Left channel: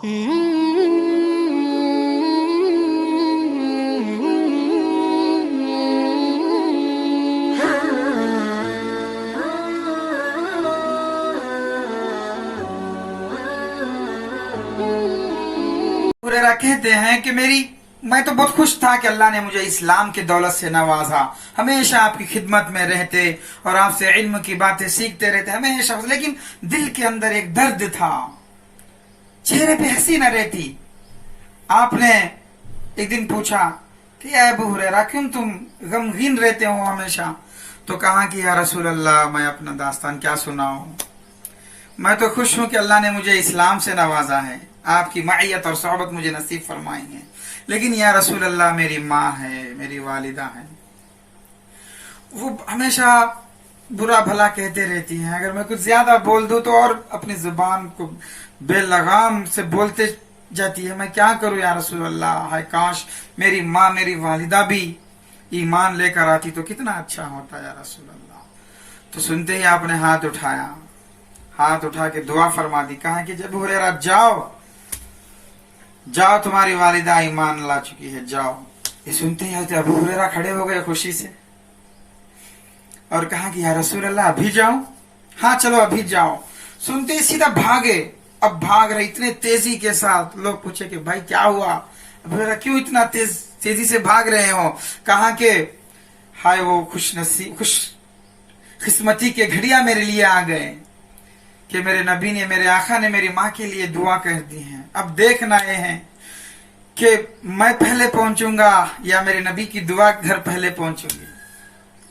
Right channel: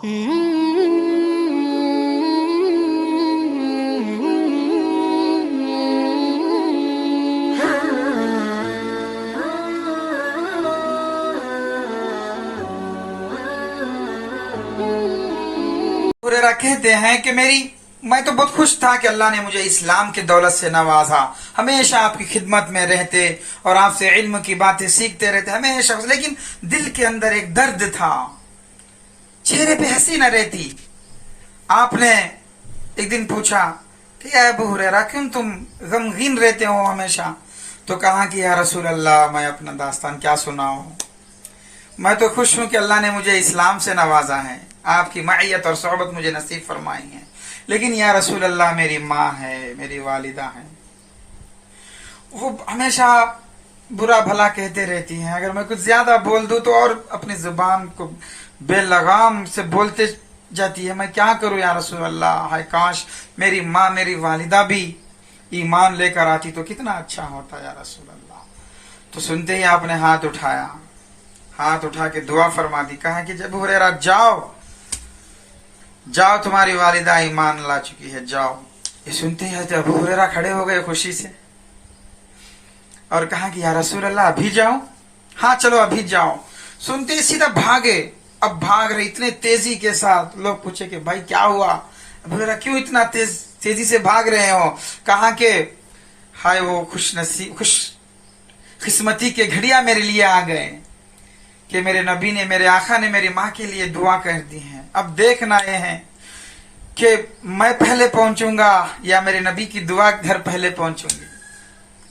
हुरैरा कहते हैं कि मैं तो बहुत खुश था कि अल्लाह ने मुझे इस्लाम की दौलत से नवाजा, हमेशा आपकी खिदमत में रहते और आपसे इल्म की बातें सीखते रहते हमेशा, लेकिन दिल के अंदर एक दर्द था, चेहरे पे हंसी न रहती। आपने एक दिन पूछा कि अबू हुरैरा क्यों तुम गमगीन रहते हो हमेशा? तो कहा कि या रसूल अल्लाह, मैं अपना दास्तान क्या सुनाऊं, मैं तो खुश हूं कि अल्लाह ने मुझे इस्लाम से नवाजा है, आपकी मायत और सोहबत मुझे नसीब फरमाई है, लेकिन या रसूल अल्लाह मेरी माँ है, मेरी वालिदा है, वो हमेशा बुरा भला कहते रहती हैं। अगर मैं कुछ ज्यादा बोल दूं तो और अपनी जुबान को बेलगाम से बोलते जाती है। मैं क्या करूं या रसूल अल्लाह, हाय काश मेरी माँ मेरी वालिदा भी ईमान लेकर आती तो कितना अच्छा होता या रसूल अल्लाह। तो सुनते ही आपने हाथ उठाया, हाथ उठा के दुआ फरमा दी, कहा कि जब हुरैरा जाओ तुम्हारी वालिदा ईमान ला चुकी है, जाओ। ये सुनते ही हज़रत अबू हुरैरा खड़े हो गए खुशी से और कहा कि या रसूल अल्लाह अभी जाऊं? हाँ चलो अभी जाओ। सुनते ही सीधा भागे। अब भाग रहे इतने तेजी के साथ। लोग पूछे कि भाई क्या हुआ, अबू हुरैरा क्यों इतना तेजी से भाग रहे हो? कहा कि हाय वो खुश किस्मती के घड़िया मेरे लिए आ गए कि मेरे नबी ने, मेरे आका ने मेरी माँ के लिए दुआ कर दी है। अब देखना ये है कि मैं पहले पहुंचूंगा या मेरे नबी की दुआ घर पहले पहुंचूंगी,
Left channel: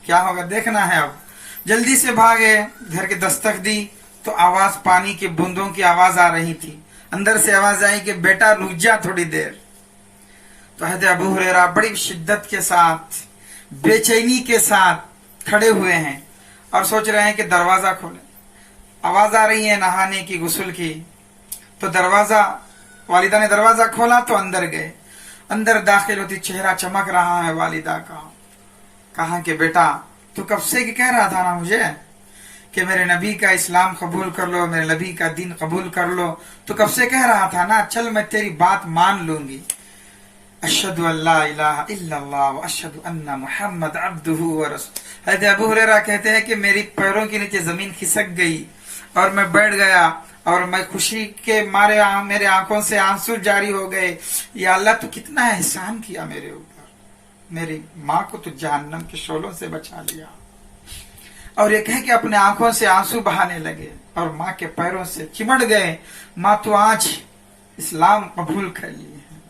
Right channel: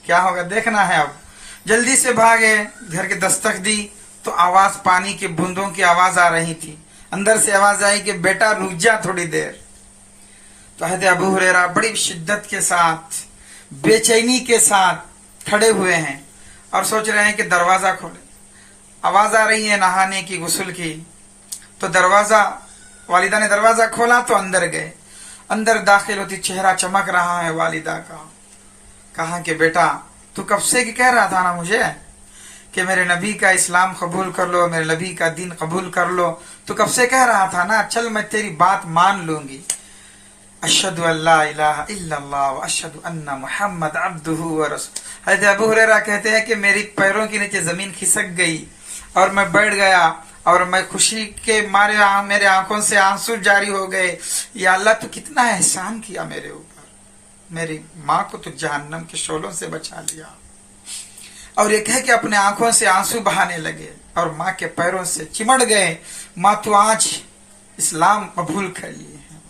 क्या होगा देखना है। अब जल्दी से भागे, घर के दस्तक दी तो आवाज, पानी के बूंदों की आवाज आ रही थी। अंदर से आवाज आई कि बेटा रुक जा थोड़ी देर। तो हज़रत अबू हुरैरा बड़ी शिद्दत के साथ, बेचैनी के साथ खड़े हुए हैं और सोच रहे हैं कि दरवाजा खोले। आवाज आ रही है नहाने की, गुस्ल की। तो दरवाजा, वालिदा ने दरवाजा खोला तो अंदर गए। अंदर दाखिल होती चेहरा चमक रहा है वालिदा का। कहा कि बेटा तू कब से कह रहा था ना मुझे कि मेरे नबी का इस्लाम कबूल कर लो, मेरे नबी का दीन कबूल कर लो, तो कब से कह रहा था ना, चल मैं तेरी बात मान लूंगी। अशहदु अल्ला इलाहा इल्लल्लाह व अशहदु अन्ना मुहम्मद अब्दुहु व रसूलुहु। हज़रत अबू हुरैरा कहते हैं कि मेरी पैरों के नीचे जमीन खिसक गई और मैं बैठ गया और मैं खुशी के मारे मेरे आंखों से आंसू जारी हो गए। या अल्लाह तू कितना एहसान किया मेरे ऊपर, मेरी माँ को तो जहन्नम के शोलों से बचा लिया। और ये कह के अपने आंखों से आंसू बहाने लगे और माँ के पैरों से चिमड़ गए, माँ तू आज इस्लाम कबूल कर लिए है।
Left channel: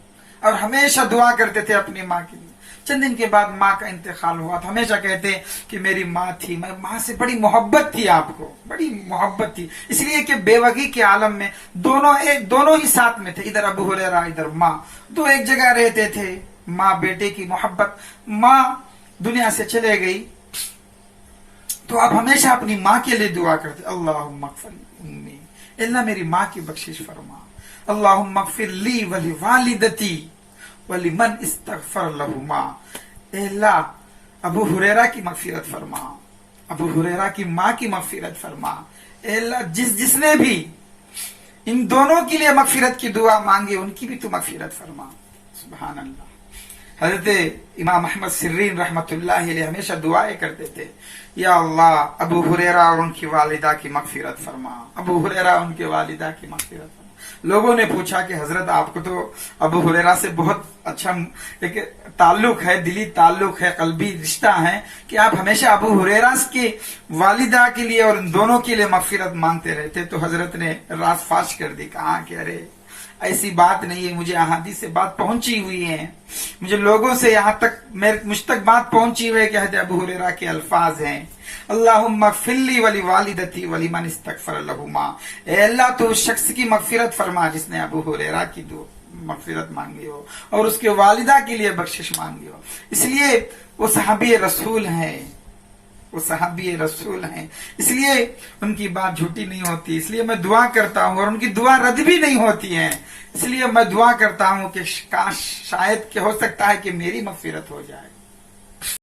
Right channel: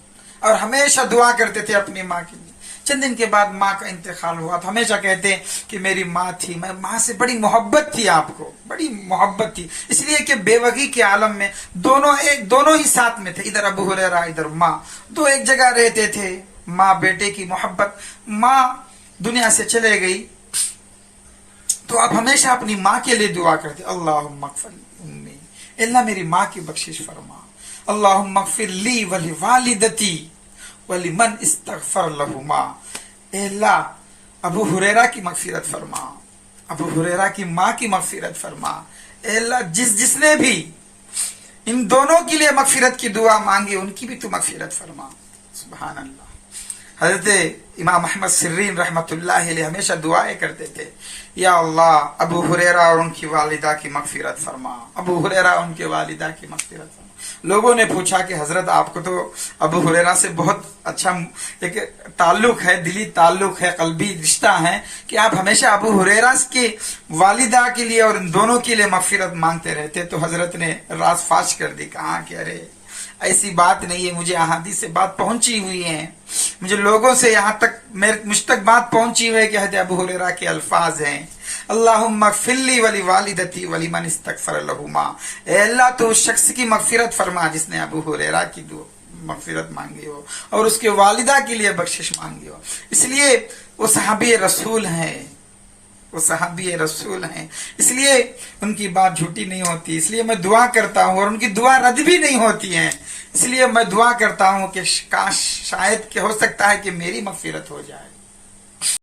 और हमेशा दुआ करते थे अपनी माँ के लिए। चंद दिन के बाद माँ का इंतकाल हुआ तो हमेशा कहते कि मेरी माँ थी, मैं माँ से बड़ी मोहब्बत थी, आपको बड़ी मोहब्बत थी, इसलिए कि बेवगी के आलम में दोनों ही साथ में थे। इधर अबू हुरैरा इधर माँ, दो एक जगह रहते थे। माँ बेटे की मोहब्बत, माँ दुनिया से चले गई तो आप हमेशा अपनी माँ के लिए दुआ करते, अल्लाहुम्मा अग़फ़िर उम्मी, अल्लाह मेरी माँ की बख्शिश फरमा, अल्लाहुम्मा अग़फ़िर ली वली वालिदती वली मन इस्तग़फ़र लहुमा। अल्लाह अबू हुरैरा की मग़फ़िरत फरमा, अबू हुरैरा की माँ की मग़फ़िरत फरमा। अल्लाह जिसने भी इन दोनों के लिए मग़फ़िरत की दुआ मांगी उनकी भी तू मग़फ़िरत फरमा। सुभान अल्लाह। हज़रत इमाम अहमद सिर्रीन रहमतुल्लाह अलैह हमेशा दुआएं करते थे, या अल्लाह अबू हुरैरा और उनकी वालिदा की मग़फ़िरत फरमा, अबू हुरैरा उनके वालिदा की मग़फ़िरत फरमा। लोगों ने पूछा कि हजरत आपको तो अबू हुरैरा से बहुत अच्छा एक ताल्लुक है, दिली ताल्लुक है, कल्बी रिश्ता है कि आप हमेशा अबू हुरैरा की वालिदा के लिए और इन दोनों के लिए मग़फ़िरत मांगते रहते। तो हजरत ने राज फाश कर दी, कहा कि अरे ऐसी बात नहीं है, मुझे अहादीस से बात पहुंची हुई है, मुझे लोगों से यहाँ तक मुझ तक बात पहुंची हुई है कि हज़रत अबू हुरैरा के अल्फाज हैं, अल्लाहुम्मा अग़फ़िर ली वली वालिदती वली मन इस्तग़फ़र लहुमा। ए अल्लाह तो उस शख्स की मग़फ़िरत फरमा जिसने अबू हुरैरा की मग़फ़िरत मांगी हो और उसके वालिदा के लिए बख्शिश मांगी हो। इसलिए वो सहाबी रसूल हैं, वो सहाबी रसूल हैं, इसलिए उनकी बात झूठी नहीं होती। इसलिए मैं दुआ करता हूँ और उनकी दुआ रद्द भी नहीं होती है। इसलिए मैं दुआ करता हूँ कि काश शायद हो सकता है कि मेरी मग़फ़िरत हो जाए।